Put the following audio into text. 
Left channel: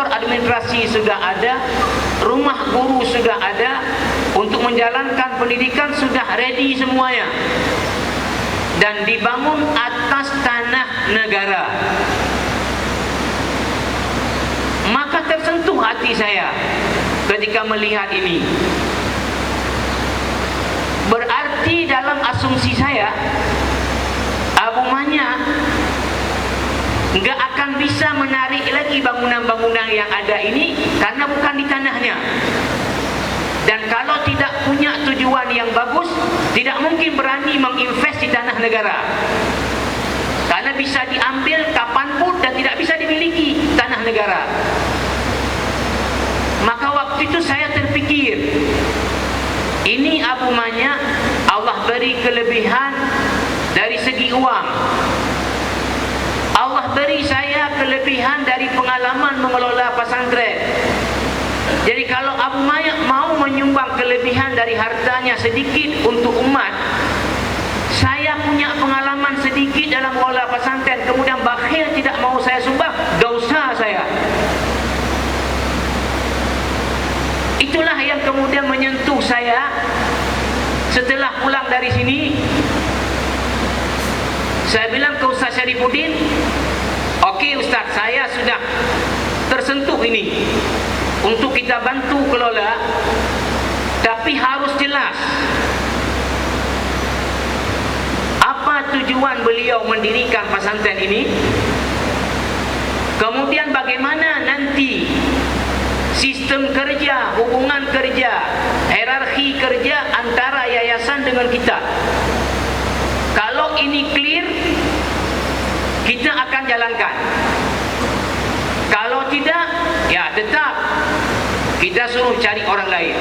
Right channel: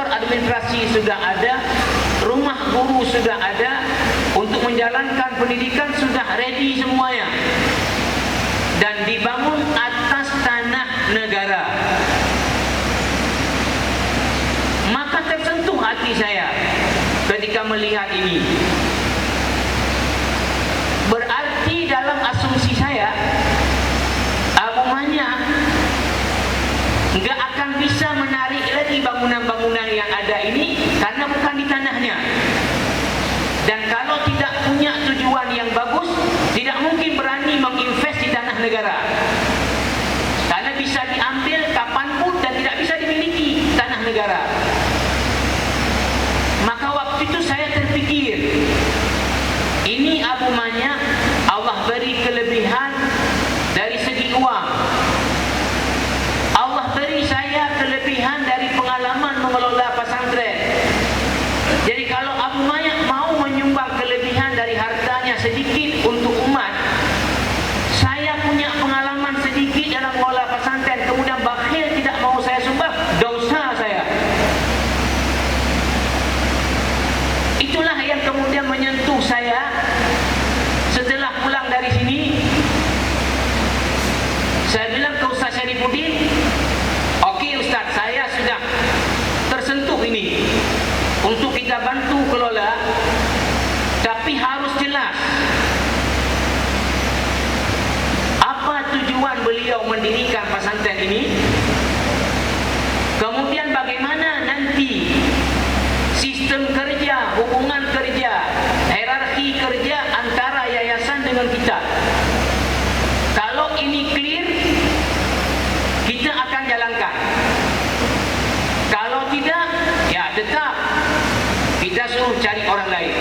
kantor administrasi sudah ada, rumah guru sudah ada, untuk menjalankan pendidikan sudah ready semuanya, dan dibangun atas tanah negara. Maka tersentuh hati saya ketika melihat ini. Berarti dalam asumsi saya, Abu Manya nggak akan bisa menarik lagi bangunan-bangunan yang ada ini karena bukan di tanahnya. Dan kalau tidak punya tujuan yang bagus, tidak mungkin berani menginvest di tanah negara, karena bisa diambil kapanpun dan tidak bisa dimiliki tanah negara. Maka waktu itu saya terpikir, ini Abu Manya Allah beri kelebihan dari segi uang, Allah beri saya kelebihan dari pengalaman mengelola pesantren. Jadi kalau Abu Manya mau menyumbang kelebihan dari hartanya sedikit untuk umat, saya punya pengalaman sedikit dalam mengelola pesantren, kemudian bakhil tidak mau saya sumbang, dosa saya. Itulah yang kemudian menyentuh saya. Setelah pulang dari sini, saya bilang ke Ustaz Syarifuddin, "Okey Ustaz, saya sudah tersentuh ini untuk kita bantu kelola, tapi harus jelas apa tujuan beliau mendirikan pesantren ini, kemudian bagaimana nanti sistem kerja, hubungan kerja, hierarki kerja antara yayasan dengan kita. Kalau ini clear, kita akan jalankan. Kalau tidak, ya tetap kita suruh cari orang lain."